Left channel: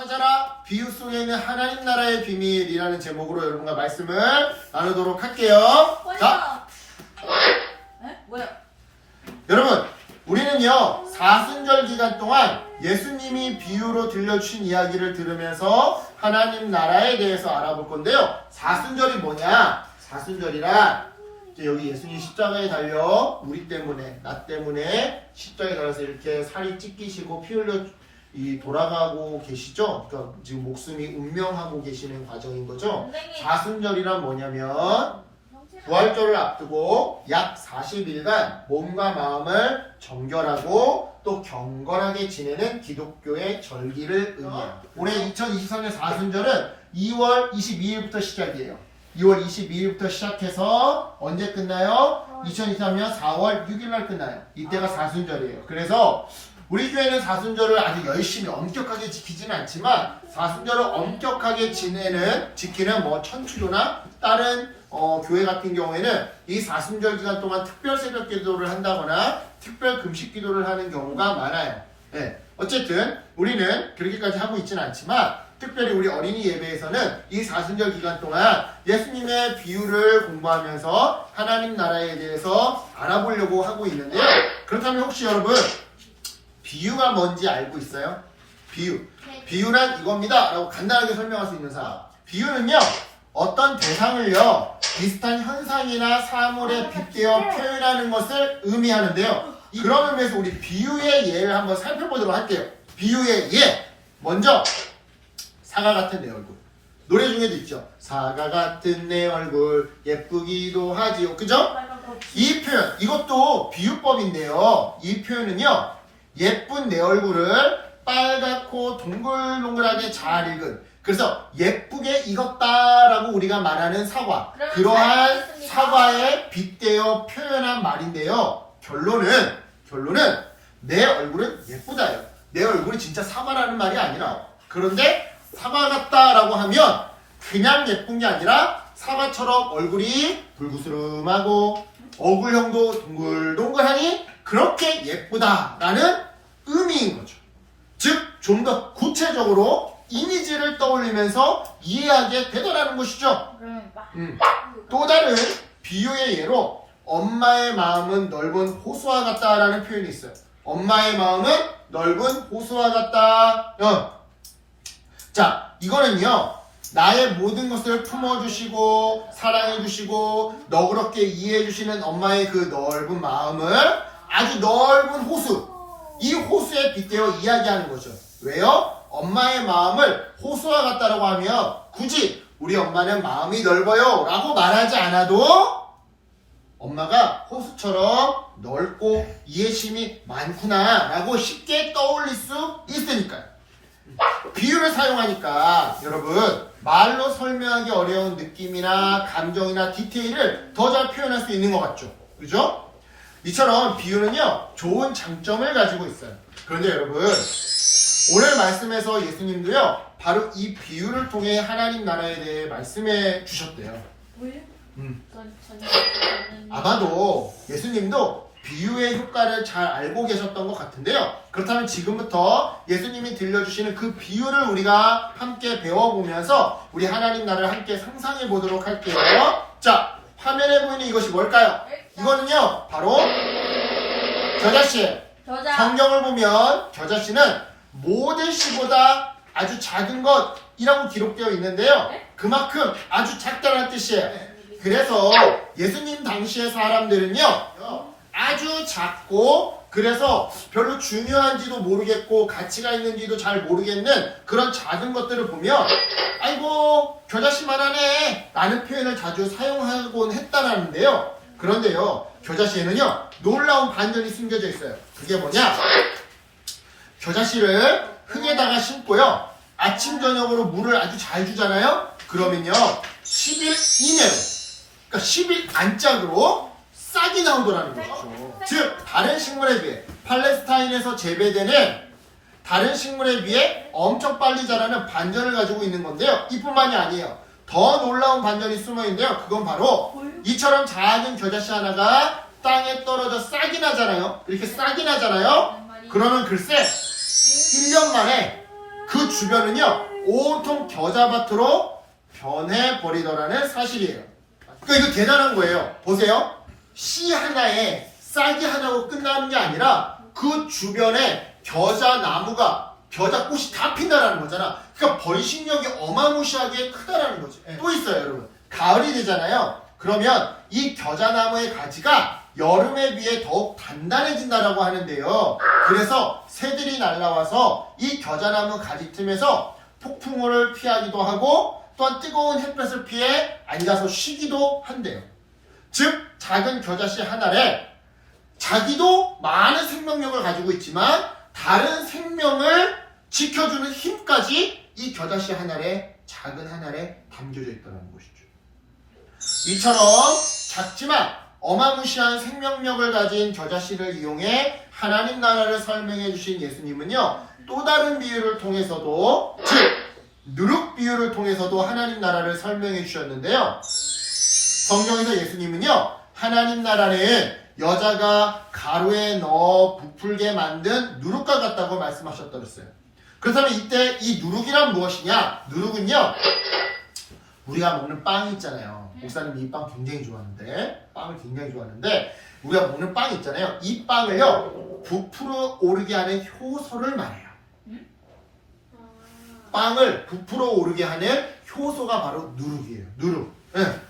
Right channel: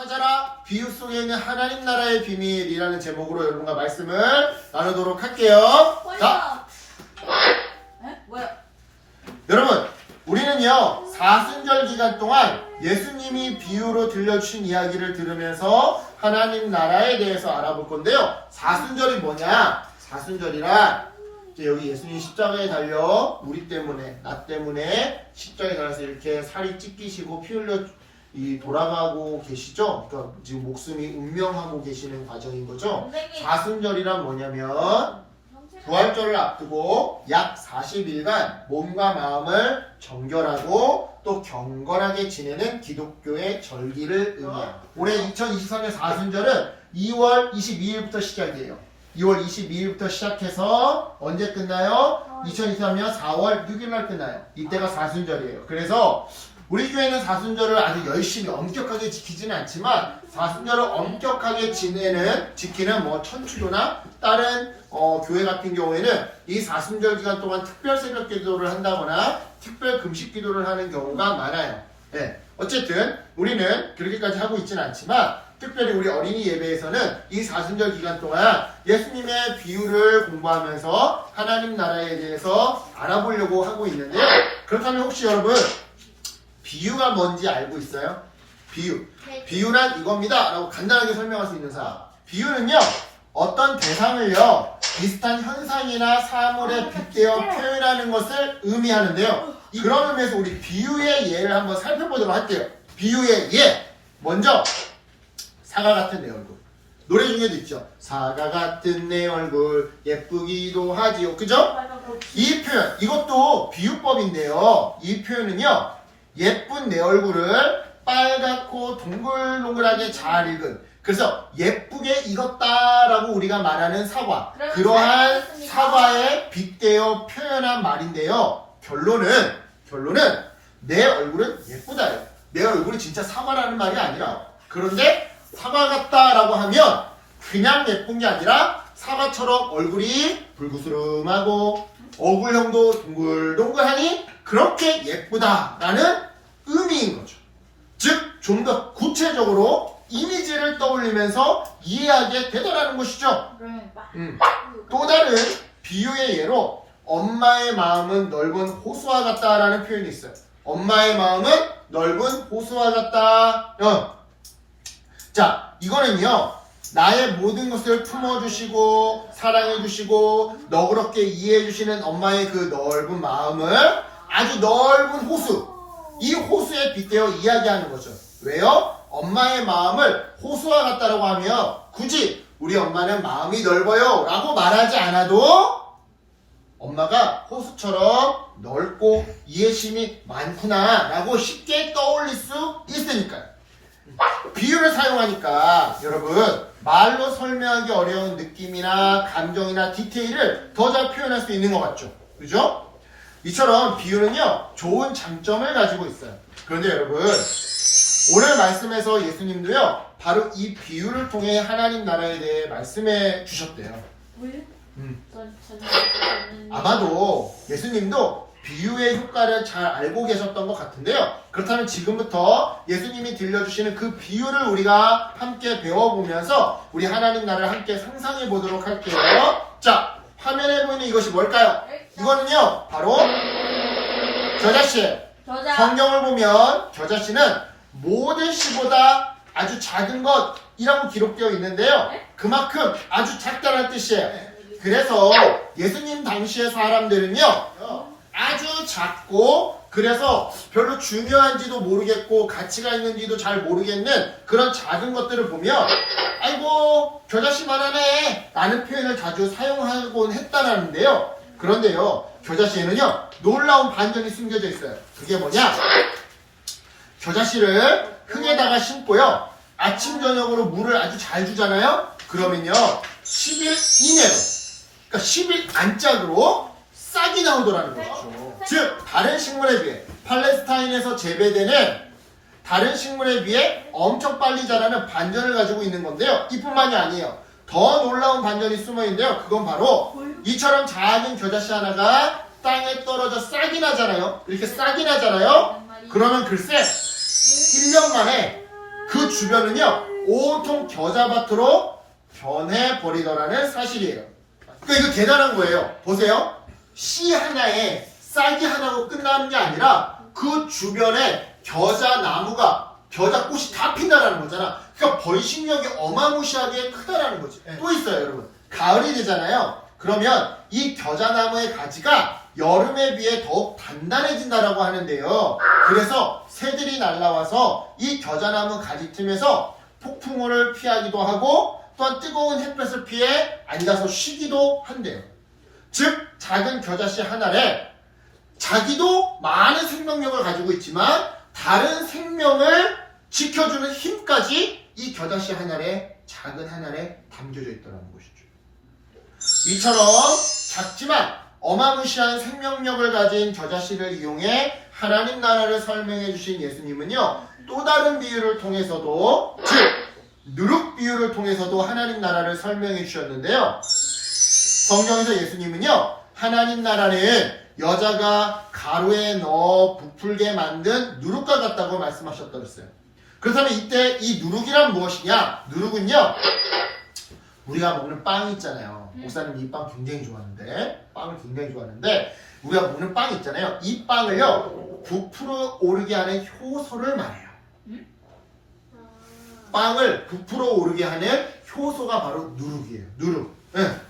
찾아라 비유 속에 있는 하나님 나라의 비밀이라는 제목으로 여러분과 말씀을 나누도록 할게요. 자, 에? 뭐야? 여러분 우리는요 사순절 기간 동안 예수님이 비유로 들려주신 이야기를 들으면서 하나님 나라에 대해서 알아볼 건데요. 사순절이 뭐냐? 사순절이란 여기 예수님 십자가에 달려 우리 때문에 나 때문에 십자가에 달려서 이렇게 살이 찢기시고 피 흘려 돌아가고 계시죠? 그러니까 지금 목숨이 운명하고 계시는 과정인 거죠. 선생님. 사순절이란 뭐냐면 부활절을 앞두고 약 40일간 몸과 마음을 정결하고 또 경건하게 지내는 기독교의 절기를 의미합니다. 올해 2023년 사순절은 2월 22일부터 시작이에요. 2월 22일부터 시작해서 언제 끝나요? 2023년 4월 6일날 끝나요. 이때가 사순절이에요. 그래서 우리 교회는 사순절을 아주 열심히 엄격하게 지키지는 않지만 사순절을 엄격하게 지키는 뭐 천주교나 다른 교회 같은 경우에는 이 사순절 기간 동안 특별 새벽 기도를 한다거나 특별 금식 기도를 하는 경우가 많아요. 네. 어쨌든 우리는 그렇게까지 하고 있지는 않지만 특별히 우리 어린이 예배에서는 이 사순절 기간 동안 예수님의 비유를 공부하면서 하나님 나라에 대해서 알아보려고 하고 있는데요. 그렇다면 혹시 여러분 비유가 뭔지 알고 있어요? 비유. 비유란 이겁니다 라고 간단하게 설명할 수 있는 사람. 비유는요 어떤 대상을요 비슷한 현상이나 사물에 빗대어 표현하는 것을 의미하는데요. 그런 의미에서 우리 비유의 예를 한번 살펴보도록 할게요. 비유의 예. 먼저 사과 같은 내 얼굴. 노래 중에도 있죠. 사과 같은 내 얼굴 예쁘기도 하지요. 그죠? 이 표현, 이것도 비유법인데요. 이 표현은요. 예쁜 내 얼굴을 빨갛고 동글동글하게 잘 익은, 그래서 예쁘게 익었다라고 우리가 말하는 사과, 그러한 사과에 빗대어 표현한 말인데요. 결론은 내 얼굴은 예쁘다예요. 내 얼굴이 진짜 사과라는 말이 아니라. 그런데 사과 같다라고 하면 그냥 예쁜 게 아니라 사과처럼 얼굴이 불구스름하고 얼굴형도 동글동글하니 그렇게 예쁘다라는 의미인 거죠. 즉 좀 더 구체적으로 이미지를 떠올리면서 이해하게 되더라는 것이죠. 또 다른 비유의 예로 엄마의 마음은 넓은 호수와 같다라는 표현이 있어요. 엄마의 마음은 넓은 호수와 같다. 자, 이거는요 나의 모든 것을 품어주시고 사랑해주시고 너그럽게 이해해주시는 엄마의 그 넓은 마음을 아주 넓은 호수, 이 호수에 빗대어 이야기하는 거죠. 왜요? 엄마의 마음을 호수와 같다라고 하면 굳이 우리 엄마는 마음이 넓어요 라고 말하지 않아도 엄마가 호수처럼 넓고 이해심이 많구나 라고 쉽게 떠올릴 수 있으니까요. 비유를 사용하니까 여러분 말로 설명하기 어려운 느낌이나 감정이나 디테일을 더 잘 표현할 수 있는 것 같죠? 그죠? 이처럼 비유는요 좋은 장점을 가지고 있어요. 그런데 여러분 오늘 말씀에서 예수님도요 바로 이 비유를 통해 하나님 나라에 대해 말씀해 주셨대요. 왜요? 아마도 예수님도 비유의 효과를 잘 알고 계셨던 것 같은데요. 그렇다면 지금부터 예수님이 들려주시는 그 비유를 우리가 함께 배워보면서 우리 하나님 나라를 함께 상상해 보도록 할게요. 자, 화면에 보이는 이것이 뭘까요? 이거는요 바로 겨자씨. 성경을 보면 겨자씨는 모든 씨보다 아주 작은 것이라고 기록되어 있는데요. 그만큼 아주 작다는 뜻이에요. 그래서 예수님 당시의 사람들은요 아주 작고 그래서 별로 중요한지도 모르겠고 가치가 있는지도 잘 모르겠는 그런 작은 것들을 보면 아이고 겨자씨만 하네 라는 표현을 자주 사용하곤 했다라는데요. 그런데요 겨자씨에는요 놀라운 반전이 숨겨져 있어요. 그게 뭐냐? 겨자씨를 흙에다가 심고요 아침 저녁으로 물을 아주 잘 주잖아요. 그러면요 10일 이내로, 그러니까 10일 안짝으로 싹이 나오더라는 거죠. 즉 다른 식물에 비해 팔레스타인에서 재배되는 다른 식물에 비해 엄청 빨리 자라는 반전을 가지고 있는 건데요. 이뿐만이 아니에요. 더 놀라운 반전이 숨어 있는데요. 그건 바로 이처럼 작은 겨자씨 하나가 땅에 떨어져 싹이 나잖아요. 이렇게 싹이 나잖아요. 그러면 글쎄 1년 만에 그 주변은요 온통 겨자밭으로 변해버리더라는 사실이에요. 그러니까 이거 대단한 거예요. 보세요. 씨 하나에 싹이 하나로 끝나는 게 아니라 그 주변에 겨자나무가 겨자꽃이 다 핀다라는 거잖아. 그러니까 번식력이 어마무시하게 크다라는 거지. 또 있어요 여러분. 가을이 되잖아요. 그러면 이 겨자나무의 가지가 여름에 비해 더욱 단단해진다라고 하는데요. 그래서 새들이 날라와서 이 겨자나무 가지 틈에서 폭풍우를 피하기도 하고 또한 뜨거운 햇볕을 피해 앉아서 쉬기도 한대요. 즉 작은 겨자씨 한 알에 자기도 많은 생명력을 가지고 있지만 다른 생명을 지켜주는 힘까지 이 겨자씨 한 알에 작은 한 알에 담겨져 있다는 것이죠. 이처럼 작지만 어마무시한 생명력을 가진 겨자씨를 이용해 하나님 나라를 설명해 주신 예수님은요 또 다른 비유를 통해서도 즉 누룩 비유를 통해서도 하나님 나라를 설명해 주셨는데요. 성경에서 예수님은요 하나님 나라는 여자가 가루에 넣어 부풀게 만든 누룩과 같다고 말씀하셨더랬어요. 그렇다면 이때 이 누룩이란 무엇이냐? 누룩은요 우리가 먹는 빵 있잖아요. 목사님 이 빵 굉장히 좋아하는데 빵을 굉장히 좋아하는데 우리가 먹는 빵 있잖아요. 이 빵을요 부풀어 오르게 하는 효소를 말해요. 빵을 부풀어 오르게 하는 효소가 바로 누룩이에요. 누룩. 네.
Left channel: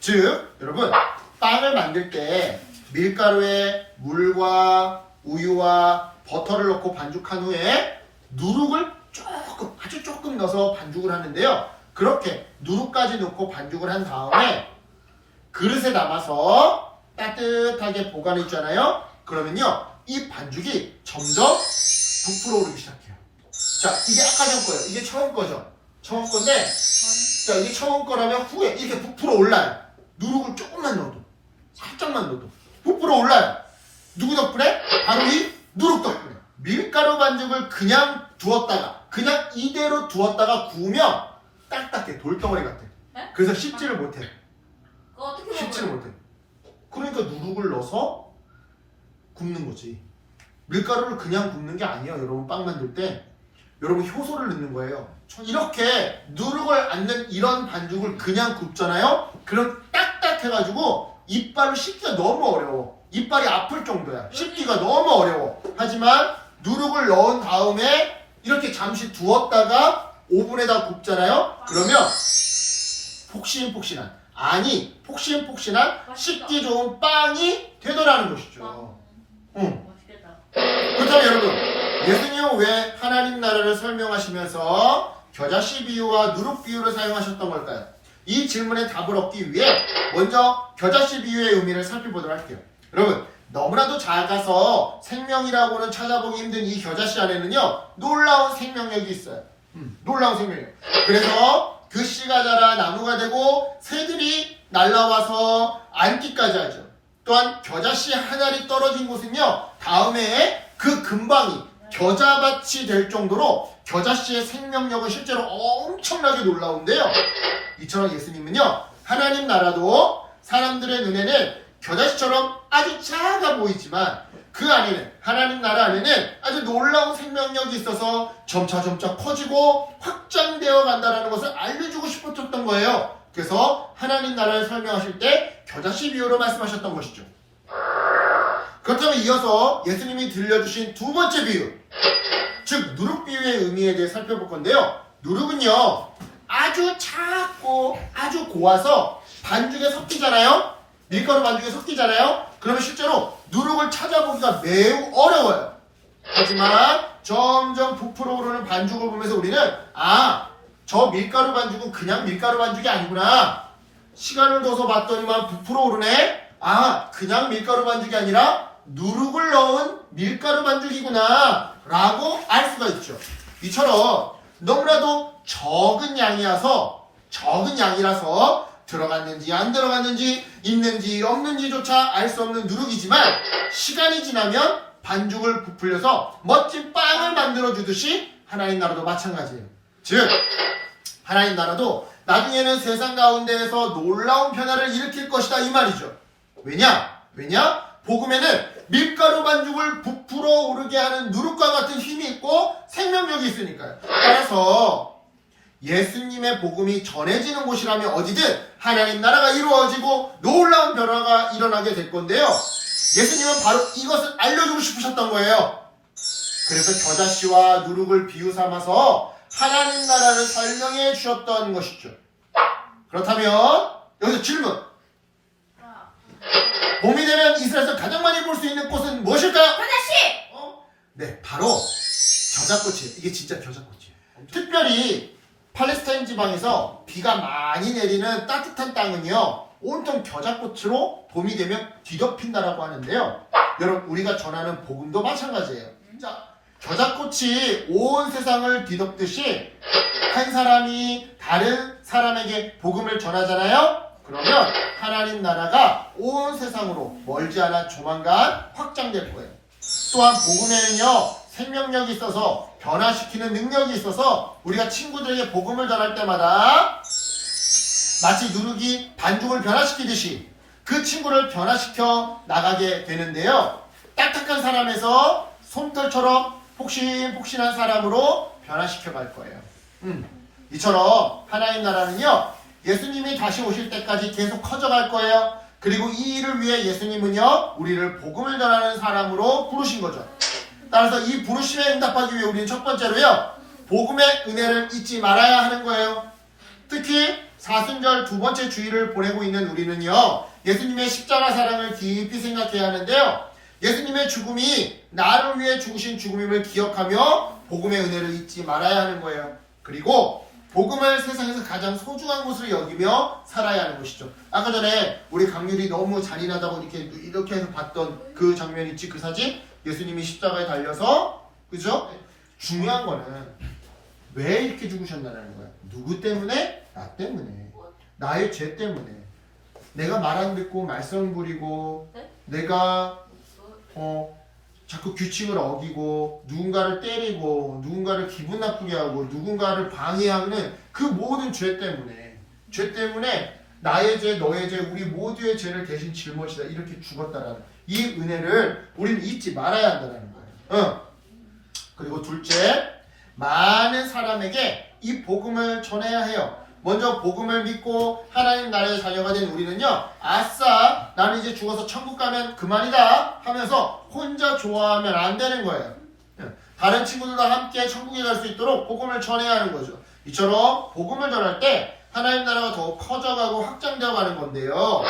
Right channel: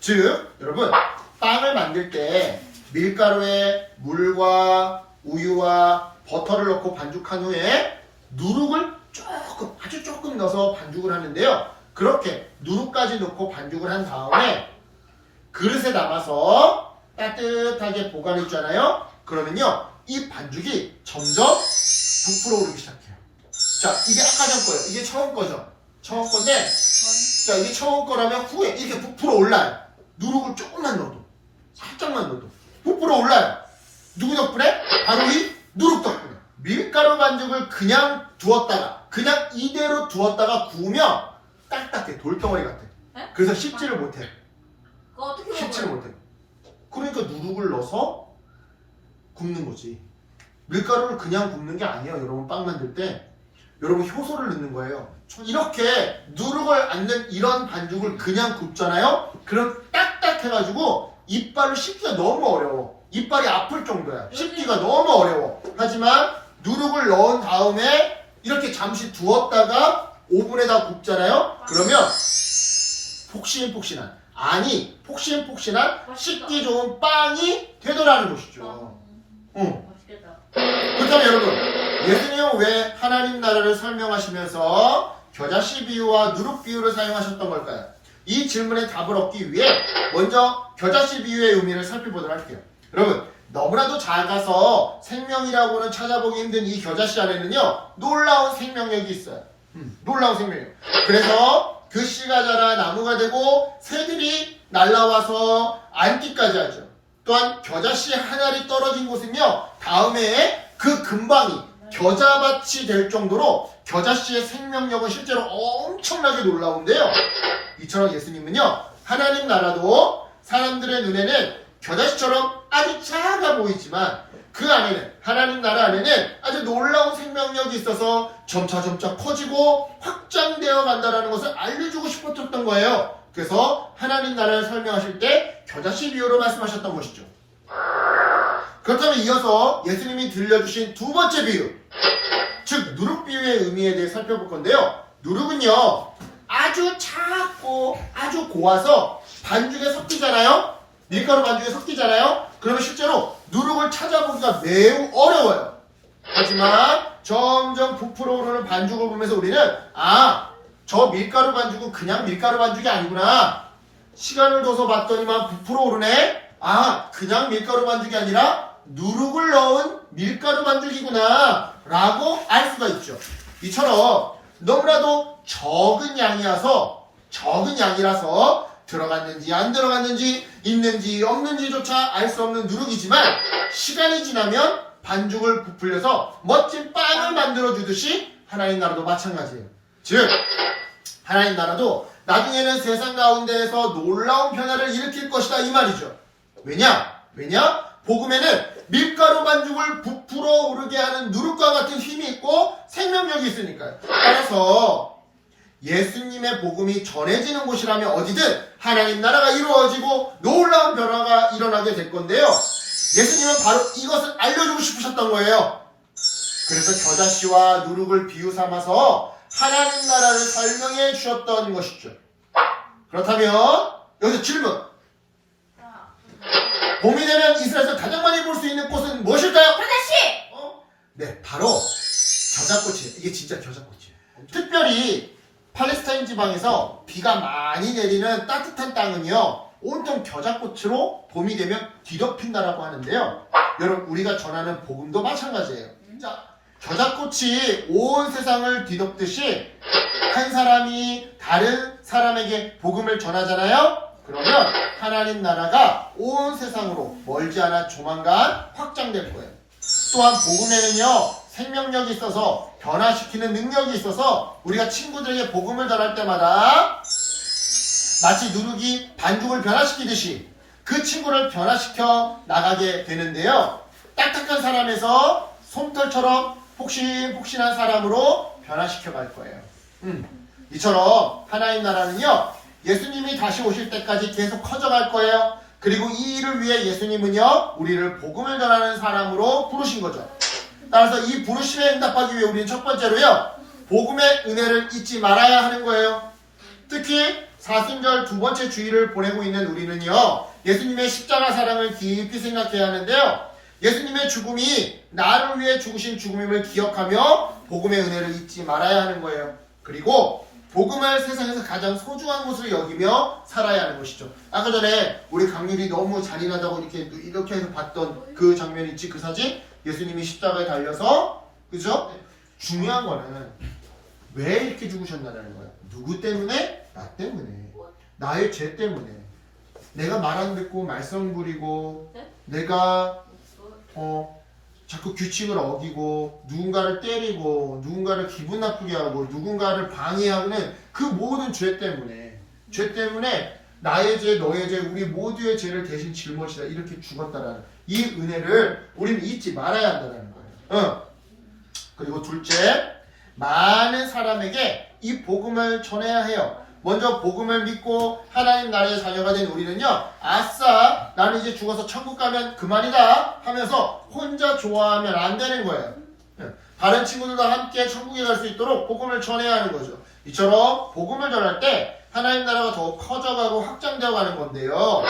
즉 여러분 빵을 만들 때 밀가루에 물과 우유와 버터를 넣고 반죽한 후에 누룩을 조금 아주 조금 넣어서 반죽을 하는데요. 그렇게 누룩까지 넣고 반죽을 한 다음에 그릇에 담아서 따뜻하게 보관했잖아요. 그러면요 이 반죽이 점점 부풀어 오르기 시작해요. 자 이게 아까 전 거예요. 이게 처음 거죠. 처음 건데 자 이게 처음 거라면 후에 이렇게 부풀어 올라요. 누룩을 조금만 넣어도 살짝만 넣어도 부풀어 올라요. 누구 덕분에? 바로 이 누룩 덕분에. 밀가루 반죽을 그냥 두었다가 그냥 이대로 두었다가 구우면 딱딱해. 돌덩어리 같아. 에? 그래서 씹지를 못해. 그거 어떻게 씹지를 먹어요? 못해. 그러니까 누룩을 넣어서 굽는 거지. 밀가루를 그냥 굽는 게 아니에요. 여러분 빵 만들 때 여러분 효소를 넣는 거예요. 이렇게 누룩을 안 넣은 이런 반죽을 그냥 굽잖아요. 그럼 딱딱해가지고 이빨로 씹기가 너무 어려워. 이빨이 아플 정도야. 씹기가 너무 어려워. 하지만 누룩을 넣은 다음에 이렇게 잠시 두었다가 오븐에다 굽잖아요. 그러면 폭신폭신한 폭신폭신한 씹기 좋은 빵이 되더라는 것이죠. 응. 맛있겠다. 그렇다면 여러분 예수님은 왜 하나님 나라를 설명하시면서 겨자씨 비유와 누룩 비유를 사용하셨던 걸까요? 이 질문에 답을 얻기 위해 먼저 겨자씨 비유의 의미를 살펴보도록 할게요. 여러분 너무나도 작아서 생명이라고는 찾아보기 힘든 이 겨자씨 안에는요 놀라운 생명력이 있어요. 놀라운 생명력. 그래서 그 씨가 자라 나무가 되고 새들이 날라와서 앉기까지 하죠. 또한 겨자씨 한 알이 떨어진 곳은요 다음에 그 근방이 겨자밭이 될 정도로 겨자씨의 생명력은 실제로 엄청나게 놀라운데요. 이처럼 예수님은요 하나님 나라도 사람들의 눈에는 겨자씨처럼 아주 작아 보이지만 그 안에는 하나님 나라 안에는 아주 놀라운 생명력이 있어서 점차 커지고 확장되어 간다는 것을 알려주고 싶었던 거예요. 그래서 하나님 나라를 설명하실 때 겨자씨 비유로 말씀하셨던 것이죠. 그렇다면 이어서 예수님이 들려주신 두 번째 비유, 즉 누룩 비유의 의미에 대해 살펴볼 건데요. 누룩은요 아주 작고 아주 고와서 반죽에 섞이잖아요. 밀가루 반죽에 섞이잖아요. 그러면 실제로 누룩을 찾아보기가 매우 어려워요. 하지만 점점 부풀어 오르는 반죽을 보면서 우리는 저 밀가루 반죽은 그냥 밀가루 반죽이 아니구나. 시간을 둬서 봤더니만 부풀어 오르네. 그냥 밀가루 반죽이 아니라 누룩을 넣은 밀가루 반죽이구나 라고 알 수가 있죠. 이처럼 너무나도 적은 양이라서 들어갔는지 안 들어갔는지 있는지 없는지조차 알 수 없는 누룩이지만 시간이 지나면 반죽을 부풀려서 멋진 빵을 만들어주듯이 하나님 나라도 마찬가지예요. 즉 하나님 나라도 나중에는 세상 가운데에서 놀라운 변화를 일으킬 것이다 이 말이죠. 왜냐? 복음에는 밀가루 반죽을 부풀어 오르게 하는 누룩과 같은 힘이 있고 생명력이 있으니까요. 따라서 예수님의 복음이 전해지는 곳이라면 어디든 하나님 나라가 이루어지고 놀라운 변화가 일어나게 될 건데요. 예수님은 바로 이것을 알려주고 싶으셨던 거예요. 그래서 겨자씨와 누룩을 비유 삼아서 하나님 나라를 설명해 주셨던 것이죠. 그렇다면 여기서 질문. 봄이 되면 이스라엘에서 가장 많이 볼 수 있는 꽃은 무엇일까요? 겨자씨! 네, 바로 겨자꽃이에요. 이게 진짜 겨자꽃이에요. 특별히 팔레스타인 지방에서 비가 많이 내리는 따뜻한 땅은요, 온통 겨자꽃으로 봄이 되면 뒤덮인다라고 하는데요. 여러분, 우리가 전하는 복음도 마찬가지예요. 자, 겨자꽃이 온 세상을 뒤덮듯이 한 사람이 다른 사람에게 복음을 전하잖아요. 그러면 하나님 나라가 온 세상으로 멀지 않아 조만간 확장될 거예요. 또한 복음에는요, 생명력이 있어서 변화시키는 능력이 있어서 우리가 친구들에게 복음을 전할 때마다 마치 누룩이 반죽을 변화시키듯이 그 친구를 변화시켜 나가게 되는데요. 딱딱한 사람에서 솜털처럼 폭신폭신한 사람으로 변화시켜 갈 거예요. 이처럼 하나님 나라는요, 예수님이 다시 오실 때까지 계속 커져갈 거예요. 그리고 이 일을 위해 예수님은요, 우리를 복음을 전하는 사람으로 부르신 거죠. 따라서 이 부르심에 응답하기 위해 우리는 첫 번째로요, 복음의 은혜를 잊지 말아야 하는 거예요. 특히 사순절 두 번째 주일을 보내고 있는 우리는요, 예수님의 십자가 사랑을 깊이 생각해야 하는데요, 예수님의 죽음이 나를 위해 죽으신 죽음임을 기억하며 복음의 은혜를 잊지 말아야 하는 거예요. 그리고 복음을 세상에서 가장 소중한 것으로 여기며 살아야 하는 것이죠. 아까 전에 우리 강률이 너무 잔인하다고 이렇게 해서 봤던 그 장면 있지, 그 사진? 예수님이 십자가에 달려서, 그죠? 중요한 거는 왜 이렇게 죽으셨나라는 거예요. 누구 때문에? 나 때문에. 나의 죄 때문에. 내가 말 안 듣고 말썽 부리고, 내가 자꾸 규칙을 어기고, 누군가를 때리고, 누군가를 기분 나쁘게 하고, 누군가를 방해하는 그 모든 죄 때문에 나의 죄, 너의 죄, 우리 모두의 죄를 대신 짊어지다 이렇게 죽었다라는 이 은혜를 우리는 잊지 말아야 한다는 거예요. 그리고 둘째, 많은 사람에게 이 복음을 전해야 해요. 먼저 복음을 믿고 하나님 나라의 자녀가 된 우리는요, 아싸, 나는 이제 죽어서 천국 가면 그만이다 하면서 혼자 좋아하면 안 되는 거예요. 다른 친구들과 함께 천국에 갈 수 있도록 복음을 전해야 하는 거죠. 이처럼 복음을 전할 때 하나님 나라가 더 커져가고 확장되어 가는 건데요,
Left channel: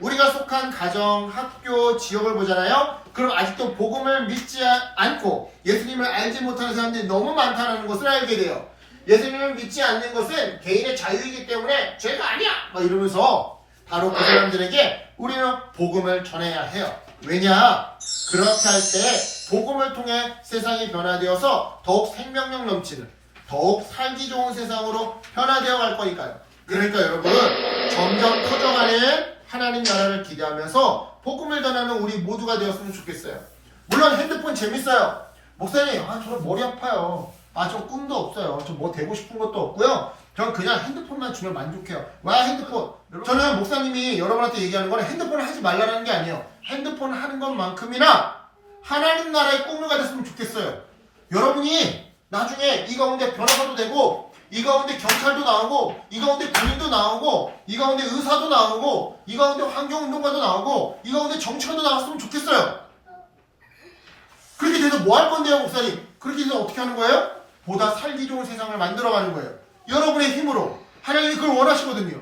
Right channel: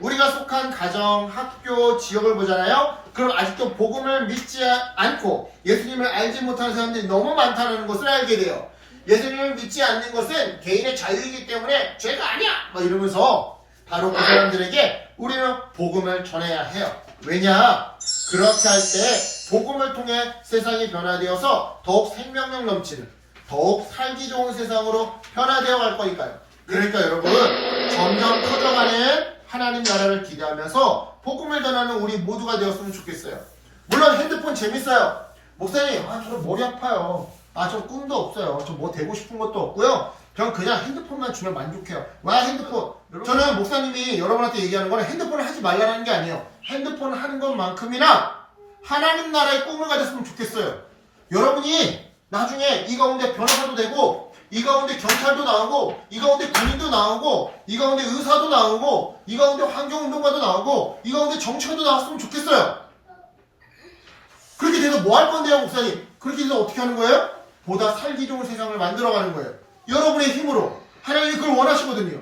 우리가 속한 가정, 학교, 지역을 보잖아요. 그럼 아직도 복음을 믿지 않고 예수님을 알지 못하는 사람들이 너무 많다는 것을 알게 돼요. 예수님을 믿지 않는 것은 개인의 자유이기 때문에 죄가 아니야! 막 이러면서 바로 그 사람들에게 우리는 복음을 전해야 해요. 왜냐? 그렇게 할 때 복음을 통해 세상이 변화되어서 더욱 생명력 넘치는, 더욱 살기 좋은 세상으로 변화되어 갈 거니까요. 그러니까 여러분, 점점 커져가는 하나님 나라를 기대하면서 복음을 전하는 우리 모두가 되었으면 좋겠어요. 물론 핸드폰 재밌어요. 목사님, 저는 머리 아파요. 저 꿈도 없어요. 저 뭐 되고 싶은 것도 없고요. 저는 그냥 핸드폰만 주면 만족해요. 와, 핸드폰. 저는 목사님이 여러분한테 얘기하는 거는 핸드폰을 하지 말라는 게 아니에요. 핸드폰을 하는 것만큼이나 하나님 나라의 꿈을 가졌으면 좋겠어요. 여러분이 나중에 이 가운데 변호사도 되고, 이 가운데 경찰도 나오고, 이 가운데 군인도 나오고, 이 가운데 의사도 나오고, 이 가운데 환경운동가도 나오고, 이 가운데 정치가도 나왔으면 좋겠어요. 그렇게 돼서 뭐 할 건데요, 목사님? 그렇게 돼서 어떻게 하는 거예요? 보다 살기 좋은 세상을 만들어가는 거예요. 여러분의 힘으로. 하나님이 그걸 원하시거든요.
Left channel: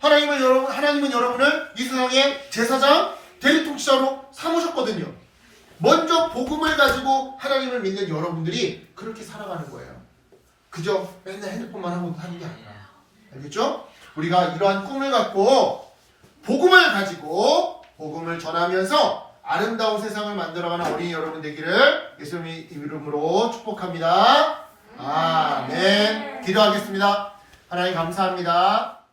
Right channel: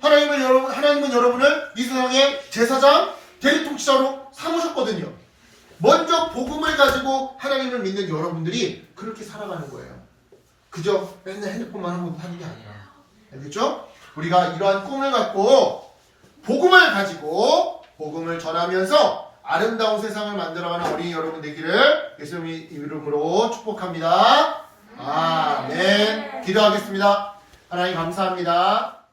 하나님은 여러분을 이 세상의 제사장, 대리통치자로 삼으셨거든요. 먼저 복음을 가지고 하나님을 믿는 여러분들이 그렇게 살아가는 거예요. 그저 맨날 핸드폰만 하고 하는 게 아니라. 알겠죠? 우리가 이러한 꿈을 갖고 복음을 가지고 복음을 전하면서 아름다운 세상을 만들어가는 어린이 여러분 되기를 예수님의 이름으로 축복합니다. 아멘. 기도하겠습니다. 하나님 감사합니다.